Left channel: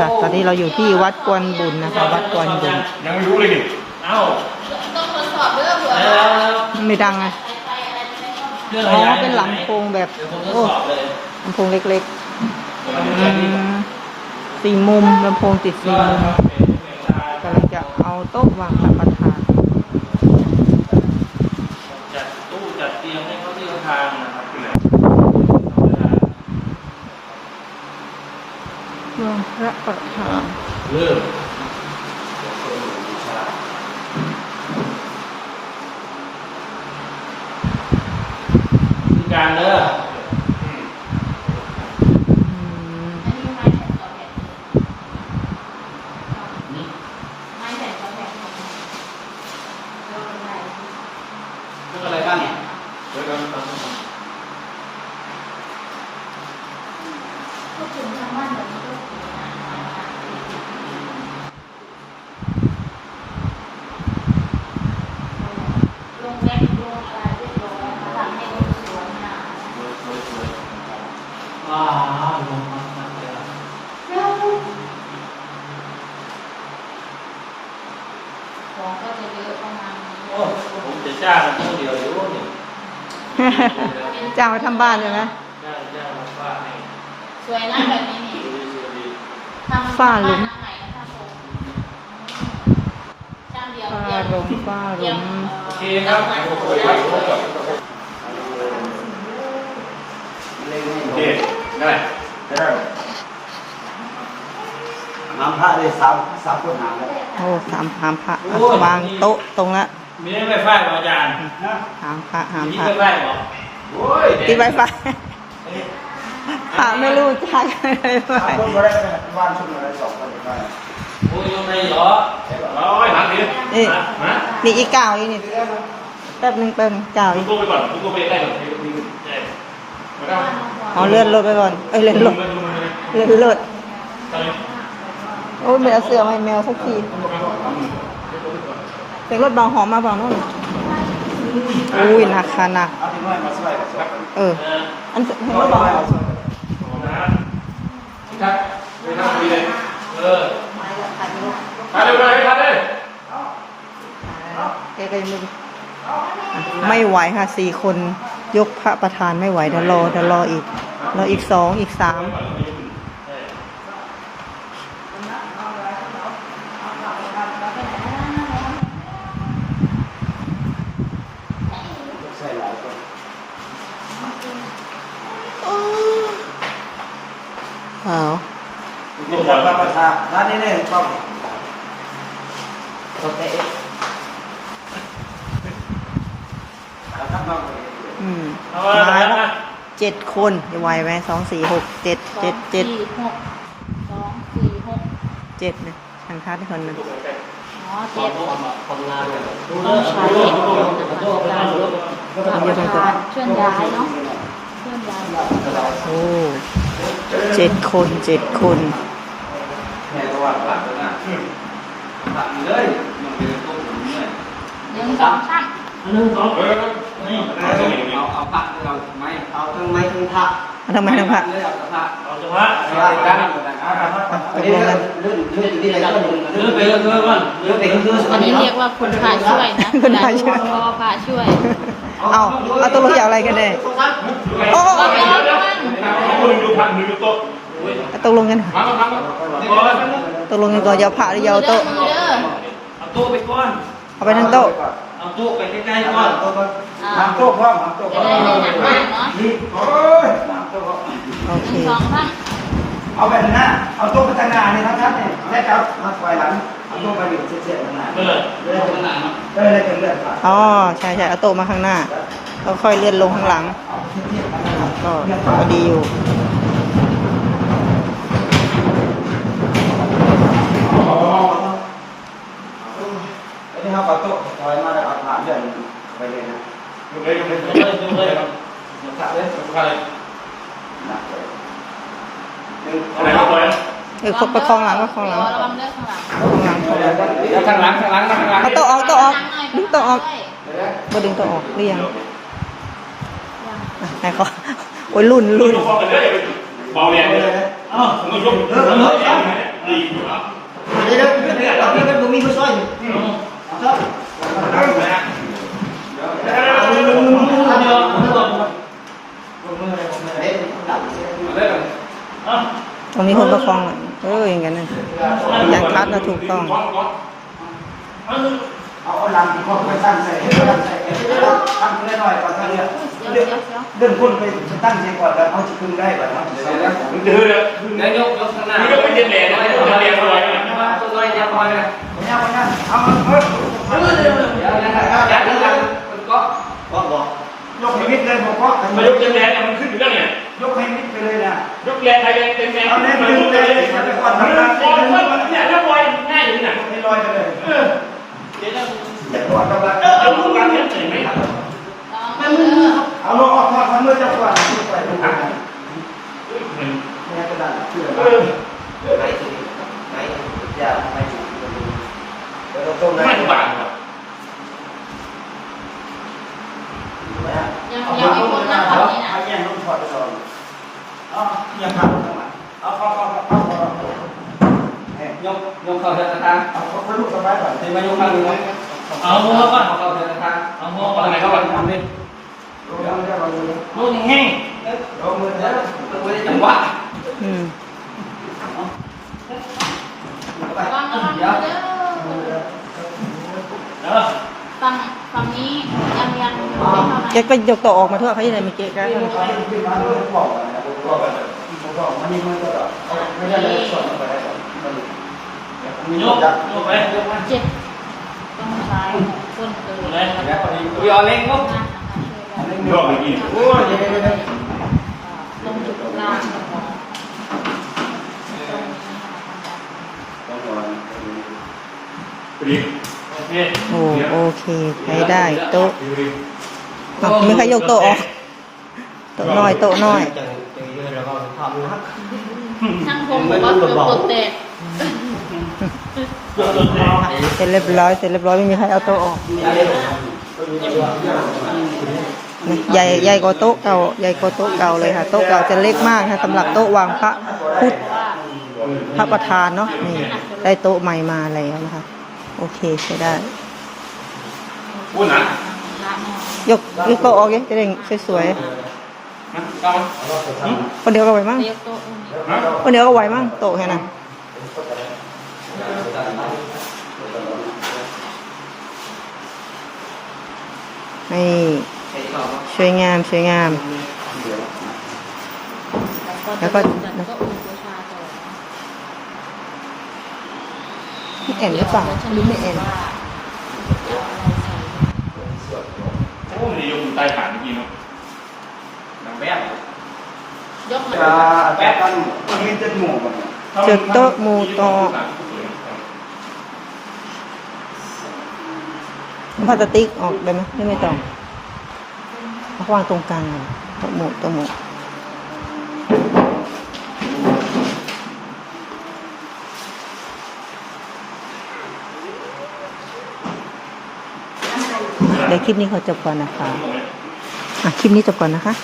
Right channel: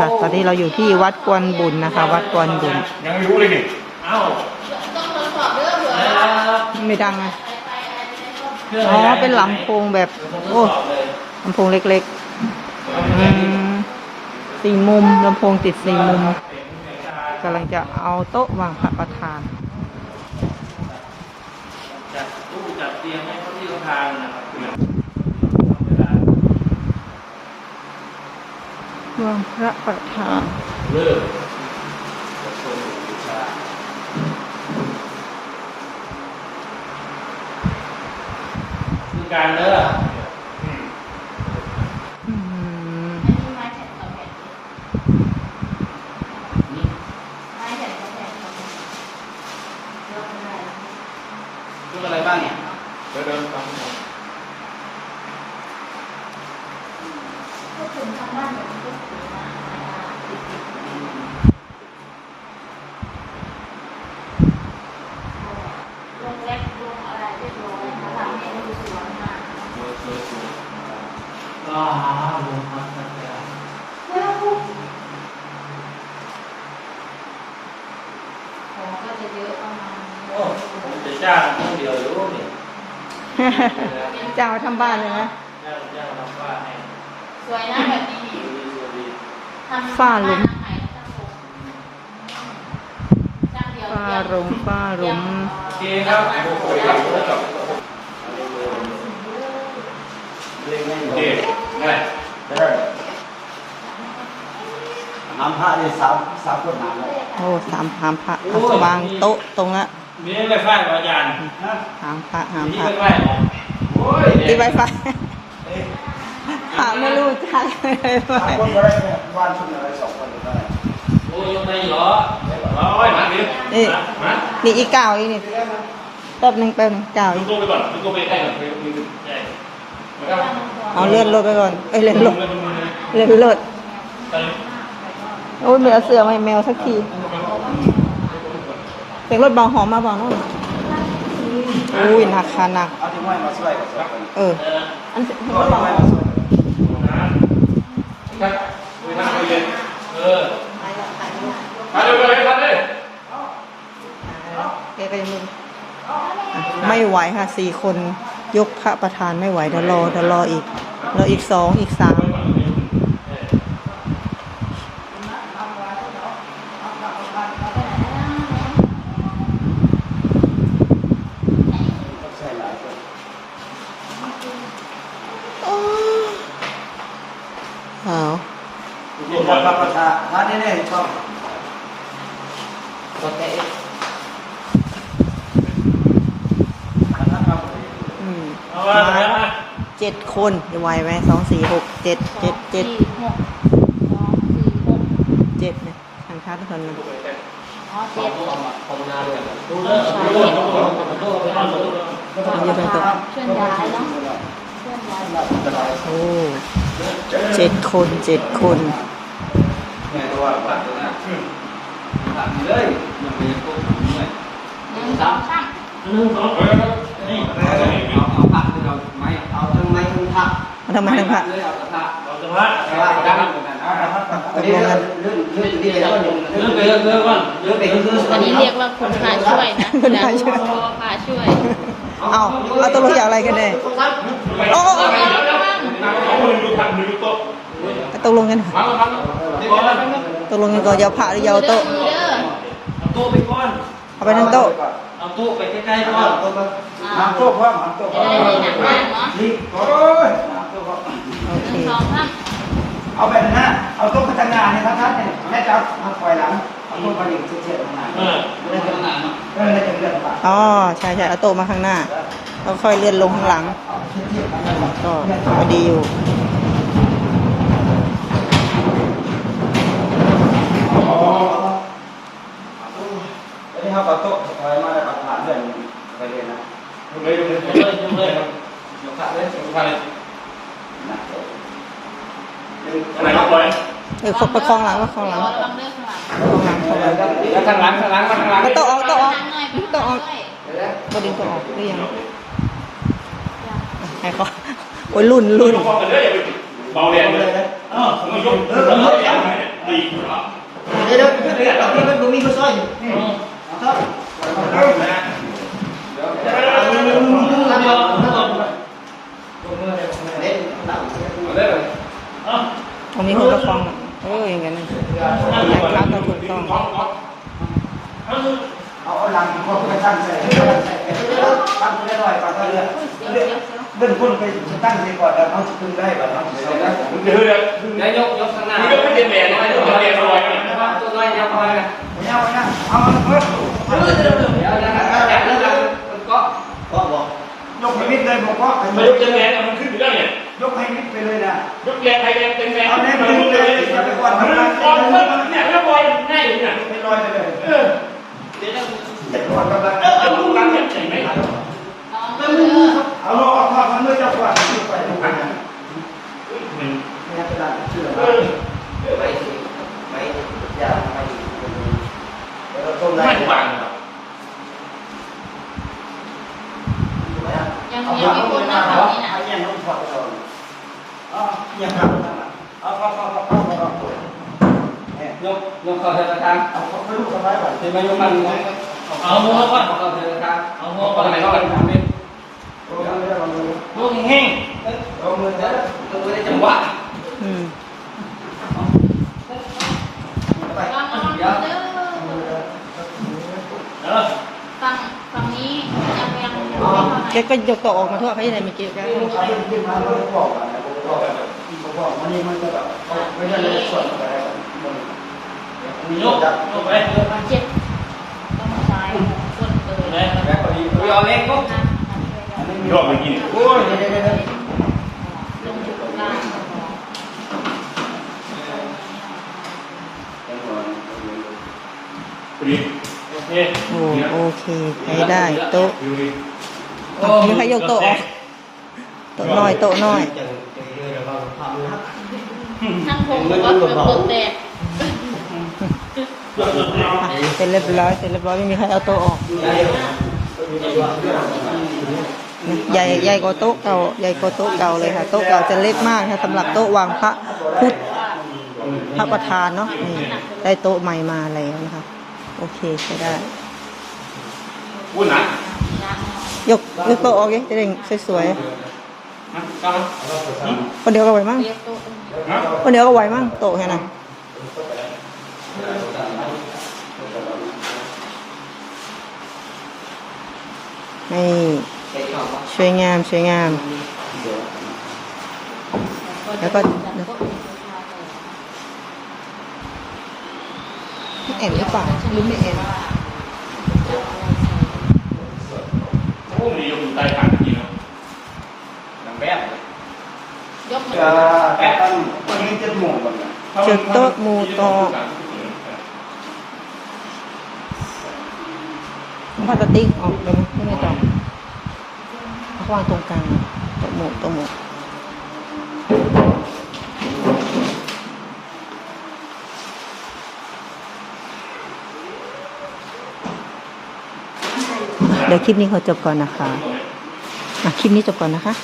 ค่ะ ตอนนี้เราอยู่ที่วัดกวนบุญนะคะ วัดกวนบุญยังไม่รู้เลยนี่เอ้าต้องทดสอบเรื่องหัวเดี๋ยวไม่ดังไงเรื่องอ๋อะไรอนะเป็นลำโพงแบบเดี๋ยวผมทดโอ้สอบเลยลำโพงเล็กๆอืมสี่มุมลำโพงติดสี่มุมกำลังจะเอาโต๊ะวางพระประธาน จัดตู้จัดเตียงให้เขาที่ทานนะครับ วางพ ระประธานเริ่มมีการเด้ออืมไม่มีไม้แผ่นต่อแผ่นไม้แผ่นต่อแผ่นลูกอะไรบ้างเนี่ยเดี๋ยวเดี๋ยวพูดถึงทางบ้านแบบนี้ลงแรกลงอะไรเรียบร้อยพลังเนี่ยดูสวยมาก อ่าลงมาตั้งแต่ ของก็จะเยอะประมาณนี้โอ้ผมจะจ้างเพื่อเดียวอยู่นี่จ้างมาทำบ้านเลยนะจ้างจ้างมาฟ้าให้สวยนะแบบนี้นี่ดูดีดูดีทำฝ้าหลุมจ้างเดียวฝ้าเดียวลงฝ้าหลุมโอเคครับโอ้โหครับ โอเคได้ได้ น้ำพระเลยสามสามคนน้ำเลยโอ้สามหามพระอะวางโต๊ะตรงละมีไวไฟไหมอาจารย์นะหามพระหามมีพระไวไฟเหรอโอ้ยติดไวไฟพระไม่รู้จักเลยสามคนก็ได้วันชุมอะไรสองคนได้โอ้ยยังไงเหรอโอ้ยมาดินี่มานี่อีกเก่าอีกนี่แป๊บหนึงแป๊บหนึงเก่าดูอีกตัวไปก่อนดูตัวไปได้ก่อนใช่แล้วเอาเลื่อนรถไปก่อนเอ้ยเลื่อนรถเลื่อนลงมาเลยเลื่อนรถไปเลย โอ้ยไม่เอเสือไมาให้แมวสักทีเป็นรถเบาหอมมาเบาโน่นอุ้ยหนักค่ะหนัก เอาที่ห้อยมาช่วยกันครับเออ อันห้อยมาช่วยกันนะครับไปนั่งไปเลยเออมาเร็วไปเลยมาเลยแกก็ยังไม่ไม่ไหวค่ะสี่คนยกพระประธานไม่ไหวเดี๋ยวรอเดี๋ยวรออีกรออีกสองอีกสาม ใช่หลายคน อ้าว นี่ครับพระ ประธานท่านนี่เนี่ยต้องโอเคครับครับอืมเอาว่ามาแล้วแล้วนะเจ็ดคนจะไหวไหมสองสี่หกเจ็ดเจ็ดเจ็ดสี่หกสองสี่หกเจ็ดเนี่ยทางทัดคนหนึงอ๋อเจ็ดดูเรื่องดูเรื่องดูเรื่องดูเรื่องไปนั่งดูเรื่องต้องเยอะไปตัวเคลื่อนย้ายเนาะเคลื่อนย้ายโอ้เจ็ดคนเจ็ดคนแม่ก็ว่าผ่าน แล้วนะผ่านเลยยังไม่ได้ปุ๊บทำเลยหนึ่งสองสามหนึ่งสองนี่เอาเอาผักเราไม่เอาทั้งไม้ทั้งผักเอาทำไมทั้งพระเลยเอาแต่ผักเราจะพักแต่ว่าการทำกันนะตกลงกันเลื่อนเลื่อนอยู่ที่ไหนก็อยู่เรื่องไปเรื่องก่อนเลื่อนไปคืออันนี้เรียกว่าคนพาช่วยนะคนพาช่วยก็พาช่วยเอาเอาตกลงอยากอะไรกันแน่โอ้โอ้โอ้เดี๋ยวเดี๋ยวเอาคนดูพันดูโต๊ะเอาตกลงกันค่ะมามามา ตกลงกันก่อนอยาวพระหรืออยาวโต๊ะ เอาตู้ไปก่อน เอาไปทั้งโต๊ะ เอาตู้ไปใกล้ๆก่อนน้ำโต๊ะพร้อมน้ำโต๊ะพร้อมได้ได้หนักมากเนาะนี่โอ้ยน้ำโต๊ะพร้อมโอเคสองสามเอาแบบหน้า เอาโต๊ะไปทางหน้าเนี่ยทัดๆเนี่ยแม่จับมาปล่อยหลัง เอาโต๊ะไปอยู่เฉียดๆทางหน้าเออเลื่อนทางหน้าเนาะก็เลยจะเลื่อนผ่านอ๋อใช่ใช่เอาโต๊ะมาข้างหน้าแล้วค่อยเลื่อนลงข้างหลัง ก็พอดีอยู่ แล้วนี่เขาเอาโต๊ะถอยมาแล้วเอาผ่านเลื่อนไปเลยนะ ดูเลยดูเลย ยกเลยยกเลยครับ ผ่านเลยผ่านเลย หนักเลยหนึ่ง อะไรก็ปล่อย เออประคองหลังประคองหลังประคองหลังประคองหลังแล้วข้างหลังข้างหลังข้างหลังเอาโต๊ะออกโต๊ะออกดึงโต๊ะออกก็ดึงโต๊ะออกหรือยังไหนก็โอ้ยรุ่นรุ่นเลยอย่าเบาแรงเลยอ้าวมันยกเออเออเออเออดีเหรอเดี๋ยวเดี๋ยวเดี๋ยวนี่มันบ่มีผู้อยอยู่นี่เอาเถอะเอาเถอะเด็ดตับมาได้เลยตรงนี้คนประคองเอออย่างนั้นนะอยากรัดก็ถูกต้อง เอาเอาลัง ที่เขาไปตั้งใส่ตั้งใส่ตั้งไปหน่อยก่อนเรียกเดินคนไปตั้งใส่ก่อนแล้วเขาจะพึ่งได้บ่เนาะมึงเดือดเลยนายกยกข้างหน้ามึงก็ไม่เด็ดแหล่เลยไม่เด็ดแหล่ลอยตัวน้อยจะคอยนะไม่เอาไม่เอาเอาเออเดี๋ยวเดี๋ยวนะครับยัดแล้วมันก็ก็บอกยกให้มิดเลยบอกว่ามายกเต็มแรงมันขึ้นอยู่แล้วเนี่ยยกให้มิดไปเลยนะยกแรงไทยแรงเต็มแรงมันมันเนี่ยยกลอยง่ายอยู่เนี่ยให้ลอยไปเลยเออเดี๋ยวเรา จะกอดกำลังเออเอาลูกหลานเห็นไหมไม่มือครับเอาลงออกมามันเมื่อจะกอดไปลงมามันเนี่ยกระดาษเชื่อเอมาอไหนไหนอย่าไปเดี๋ยวเราต้มไม่ได้หวานยังเอายังไม่พูดนะเอานนี้นะผ้าแย่งถอดไปก่อนเอายังผ้าลงมาเอาผ้าผ้าผ้าผ้าผ้ายกยกเข้าธนาคารเอาผ้าลูกสบายก่อนเห็นไหมายกข้างหนึ่ง เอาโม่เข้าเข้าธนาคารเอาโม่เข้าไหนเข้าไปทำเป็นลงมือได้ลงมือได้ลูกแห้งลงมือได้ลงได้จังหวะอืมไปเดี๋ยวเด้อฝั่งฝั่งนี้ยังยังไม่เข้าแกก็ยกตัวออกมาเถอะเขาจะได้ไม่เกะกะเอาขึ้นมาเลยบอกกันนะผมบอกกันผมบอกมันนี่มันก็แบบไม่ได้เลยส่วนอะไรแบบมันมียกยกไปยกไปเจ็บต้องซ้ายส่วน เกินไหนแบบพอดีอุ้ยเอาเล่งปุ๊บนะรอบนี้โอ้ยยวเดี๋ยวเดี๋ยโอเคโอ้โอเคใช้ได้โต๊ะอะไม่ใครยกโต๊ะออกโต๊ะน้อยโต๊ะน้อยช่างผมบอกว่าเกือบกดแตก เสร็จเรียบร้อยเสร็จเรียบร้อยไม่มีใครเอาโต๊ะออกใหญ่ใหญ่กว่าโต๊ะเก่าใหญ่กว่าโต๊ะเก่าเลยค่ะโต๊ะเก่าจะเล็กมากค่ะสำหรับโต๊ะวางพระพุทธพระประธานเนาะนี่ได้โต๊ะใหม่มาแล้วนะคะ โอเคใช้ได้พูดนะยกยกโต๊ะออกยังจะได้สวยนะตามๆคนเดียวก็ไหวมั้งเรียกโต๊ะนะคนเดียวก็ไหวมั้งโต๊ะแค่นั้น นี่สวยงามสวยงาม แล้วก็พี่เอ่งหรือเปล่าหรือไม่เอ่งโอ้มันยกใต้ขาเมื่อกี้เนาะแบบยกเวมาลาแกตั้งนี่จะหมู่กันเจอโต๊ะหมูโต๊ พลาสติกออกได้ไหมไม่ไม่แต่วางตรงกลางตัวหมูตัวหมูเดี๋ยวคลิปนี้ขอจบก่อนนะคะ อะ คลิปนี้จบก่อนนะคะ